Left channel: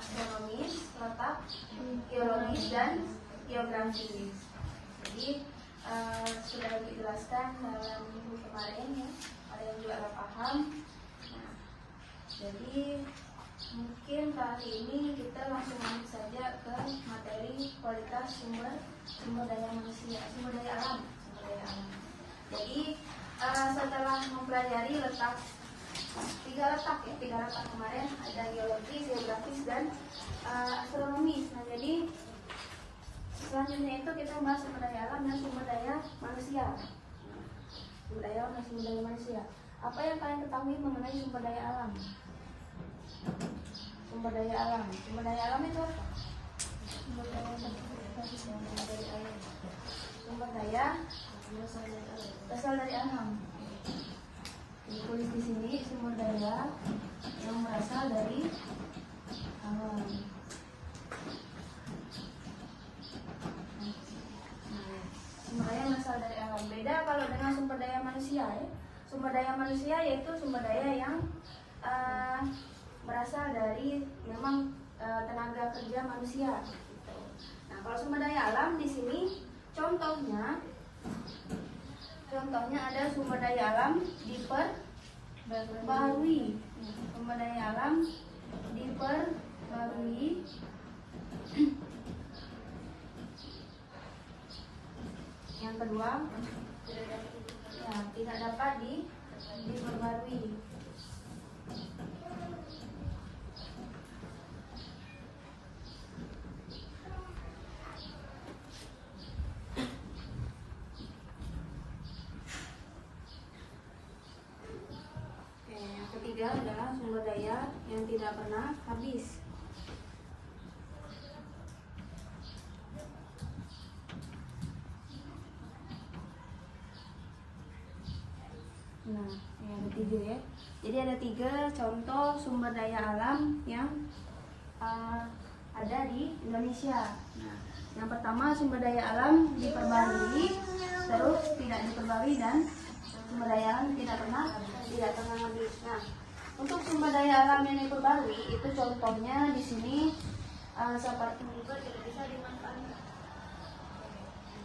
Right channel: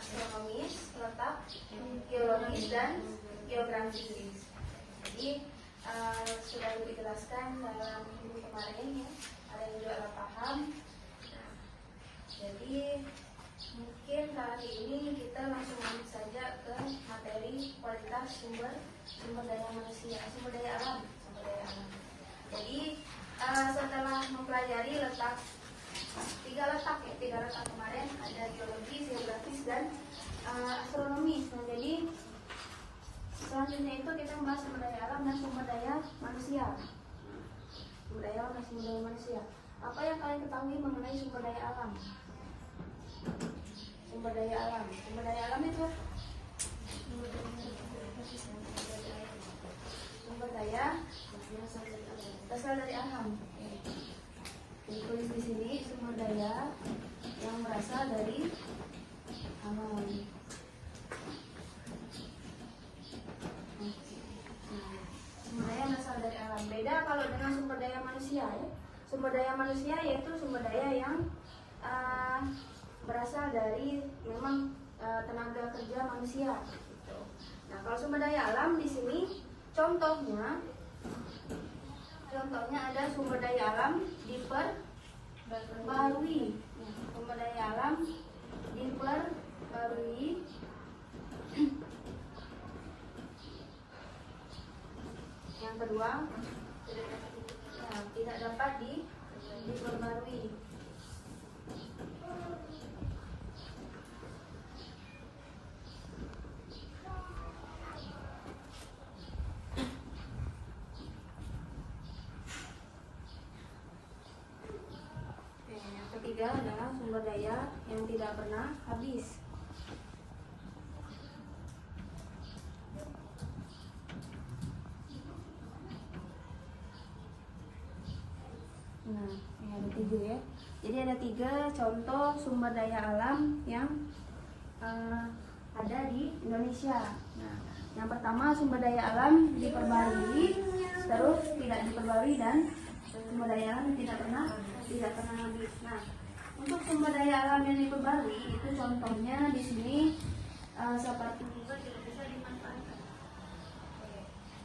astronomis, letak, geologis, dan geografis. Jadi sudah dijelaskan dalam minggu kemarin ya, ada yang juga nggak paham. Nah, jadi mungkin kali ini kita langsung lanjut saja ke materi kualitas sumber daya manusia, sumber daya alam. Jadi setelah mempelajari tiga letak kemarin, ada geologis, geografis, dan astronomis. Nah, jadi selanjutnya itu kita membahas sumber daya alam dan sumber daya manusia. Sumber daya alam dan sumber daya manusia. Apa yang kalian ketahui mengenai sumber daya alam? Sumber daya alam itu sumber daya berasal dari alam. Ditulis di sini sumber daya yang berasal dari alam. Sumber daya berasal dari alam. Beda kalau dengan sumber daya manusia ya. Sumber daya manusia yaitu sumber daya yang berasal dari memang tenaga kerja manusia. Gitu. Nah, kalau sumber daya alam di sini contohnya ada sumber daya alam diperbarui. Sumber daya alam diperbarui. Yang kedua, tidak dapat diperbarui. Yang ketiga adalah sumber daya yang tidak pernah habis. Nah, ini ada 7 ya. Jadi ada 3 contoh sumber daya alam yang ada di Indonesia. Nah, yang pertama sumber daya alam diperbarui, terus tidak diperbarui, dan sumber daya alam tidak pernah habis. Nah, untuk sumber daya alam yang diperbarui itu contohnya di sini seperti juga tidak bisa dimanfaatkan.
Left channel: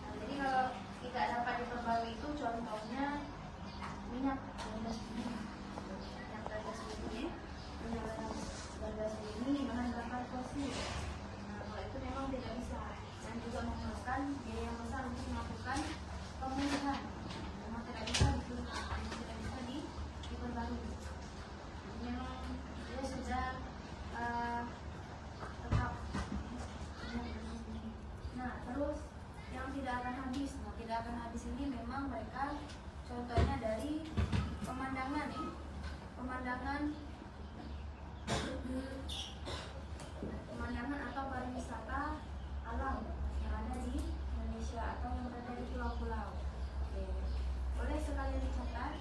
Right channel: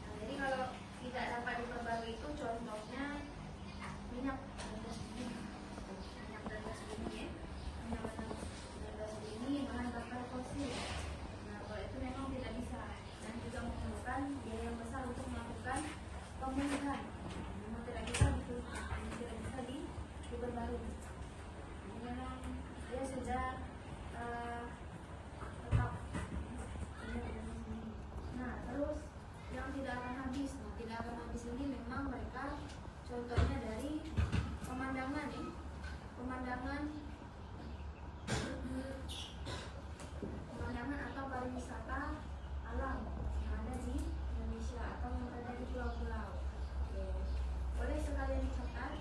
Nah, jadi kalau tidak dapat diperbarui itu contohnya minyak gas bumi, dengan bakar fosil. Nah, kalau itu memang tidak bisa, dan juga memerlukan biaya yang besar untuk melakukan pemulihan. Memang tidak bisa diperbarui. Dia sudah tetap. Nah, terus yang tidak akan habis. Nah, tidak akan habis ini memang mereka contohnya dari pemandangan atau pariwisata alam yang ada di Indonesia atau yang berada di pulau-pulau. Boleh sekalian dicatat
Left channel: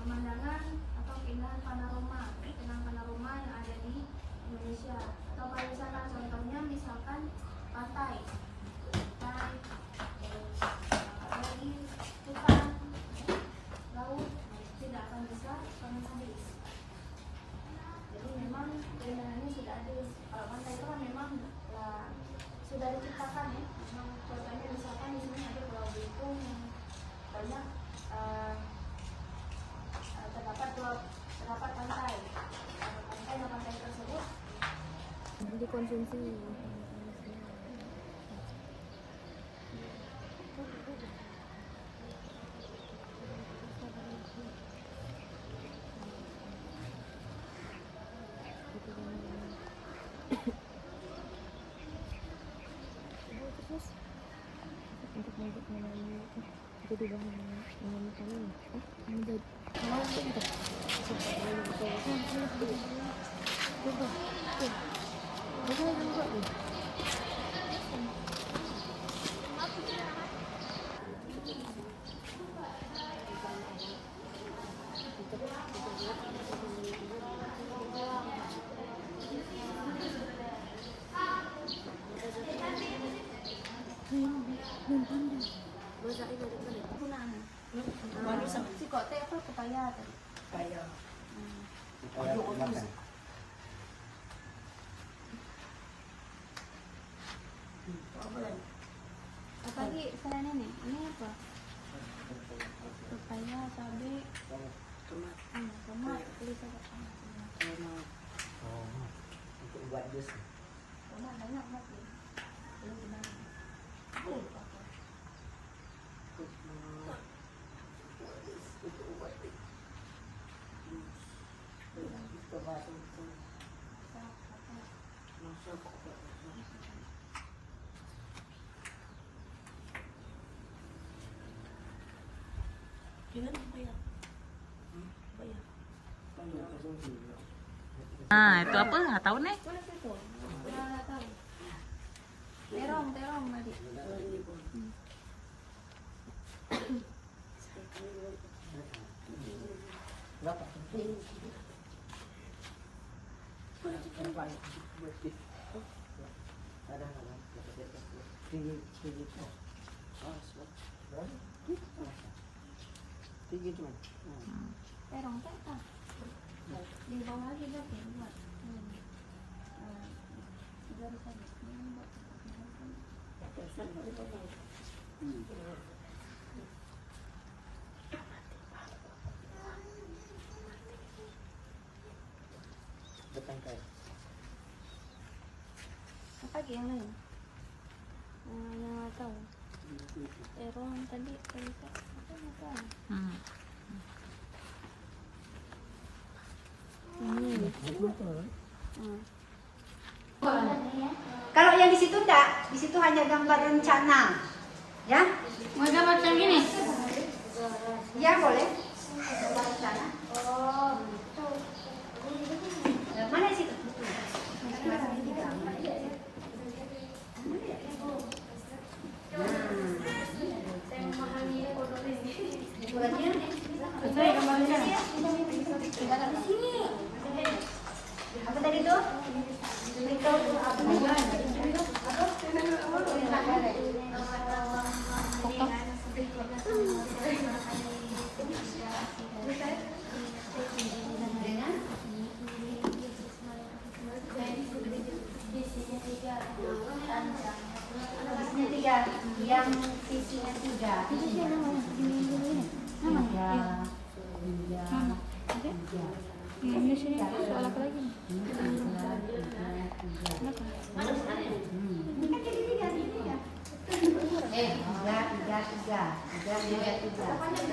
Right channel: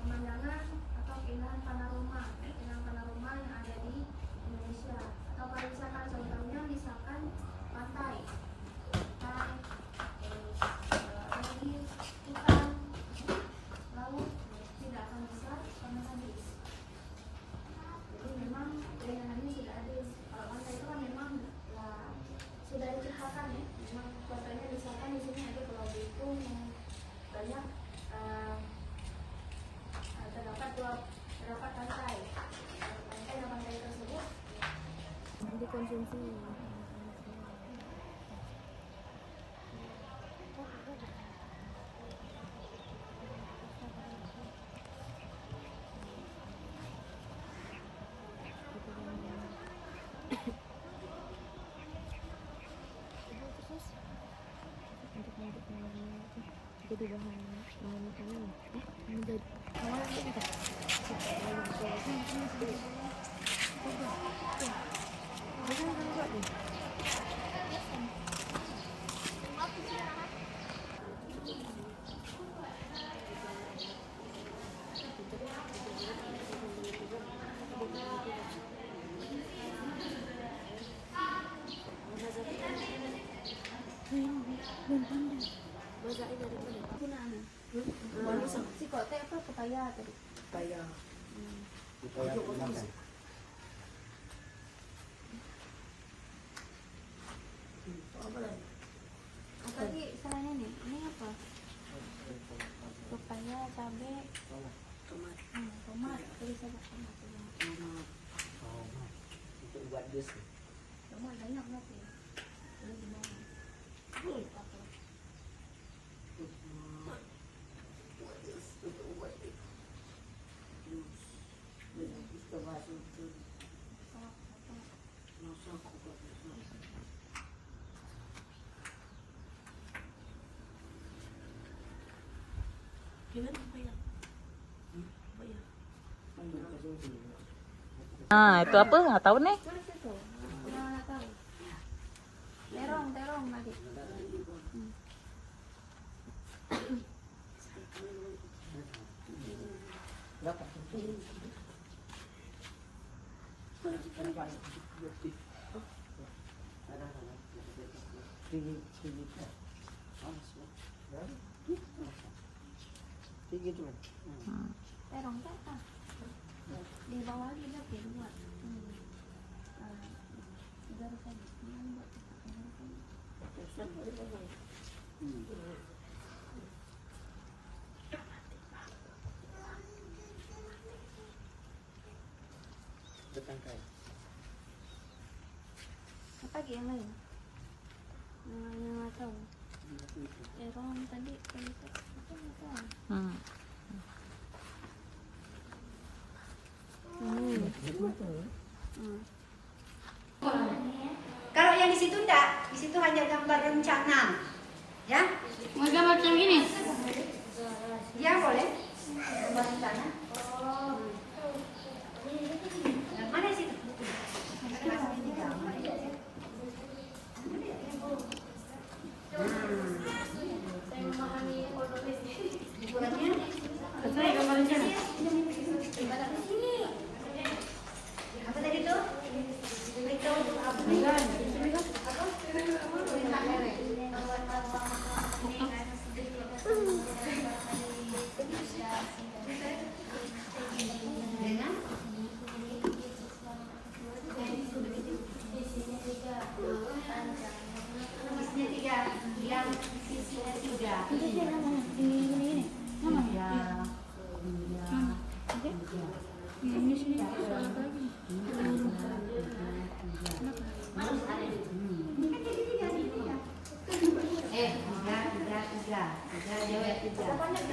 pemandangan atau keindahan panorama yang ada di Indonesia atau pariwisata, contohnya misalkan pantai, apalagi hutan, laut, tidak akan bisa pernah habis. Jadi memang keindahannya sudah ada. Kalau pantai itu kan memang sudah diciptakan ya. Memang contohnya misalkan di sini ada Pulau Belitung yang banyak terdapat pantai. Pantai tersebut dikonsumsi. Untuk membuat jadi bahan makanan menjadi awal untuk si kok teh apa pepaya tadi? Pepaya. Pepaya makan. bisa Pak. Untuk buat jus. Mama banyak ngopi. Ini gimana? Nah, itu apa? Nggak tahu nih. Mana situ? Nggak tahu. Terong tadi. Berapa? Tinggi tuh. Terong apa? Di bawah lagi lagi buat. Garis aja. Ini buat. Depan kayak. Apa lagi yang lain? Yang nggak tahu. Terong tadi apa nggak tahu. Kalau yang di situ enggak, di situ hanya gambar rencana. Ya? Model macam ini. Ya boleh. Gambar rencana. Mana sih? Saya gambar rencana. Apa tadi tuh? Itu yang sisinya tiga. Itu sih namanya. Gini. Namanya. Ini sini soal apa lagi? Tiga.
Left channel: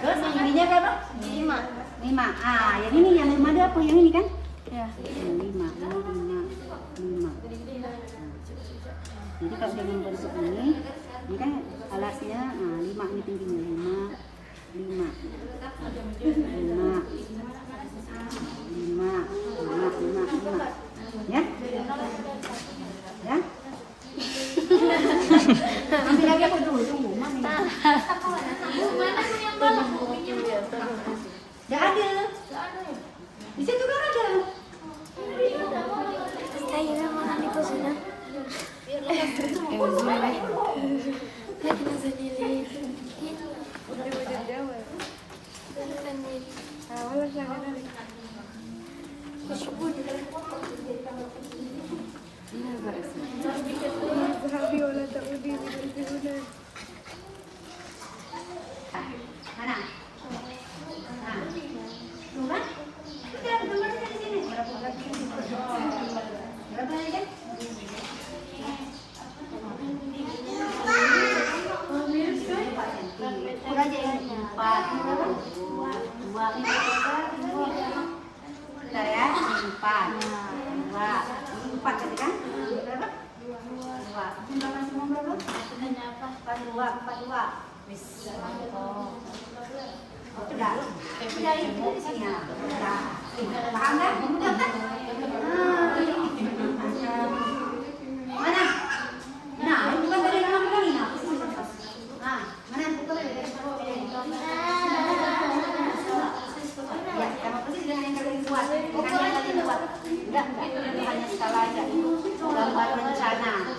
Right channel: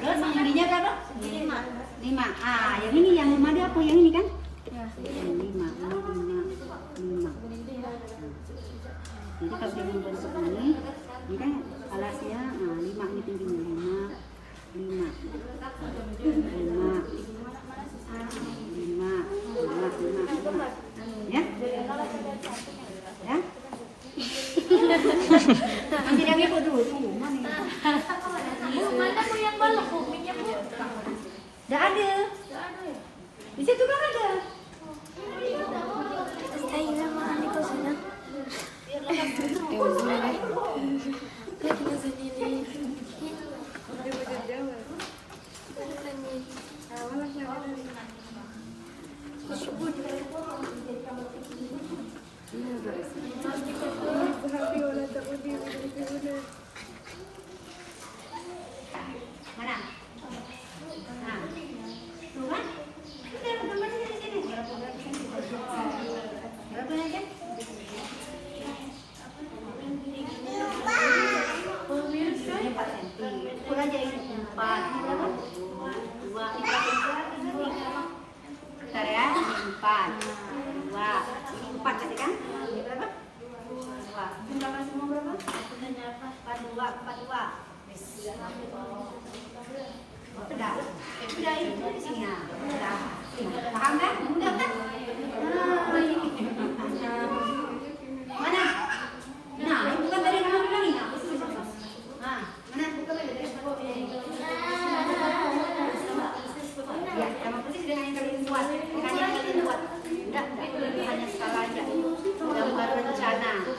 Terus yang ininya berapa? 5. Ah, yang ini yang 5 ada apa? Yang ini kan? Ya. Yang 5. Ini 5. Jadi kalau dengan bentuk ini kan alasnya 5 ini tingginya 5. Ya? Ya? Nanti lagi aku dulu tunggu, Mami. Mana tuh yang balok? Minyak. Enggak ada. Di situ kan ada. Saya nama Aniko sudah. Mana? Tuh kan? Kita ada gambarnya di sini. Berapa di sini? Berapa aja? Ukur aja ini 4. 2. Bentar ya, 4. 2. 4 tadi kan? Ini berapa? 2. Jumlahkan semua berapa? 42. Sudah. Sudah itu isinya. Sudah. Paham kan? Mudah kan? Mana? Nah, bukan tadi kamu bilang ini. Mana? Ya, sama persis dengan yang kalian buat. Bukan yang kalian buat. Enggak, itu hanya skala aja. Gambar rencana.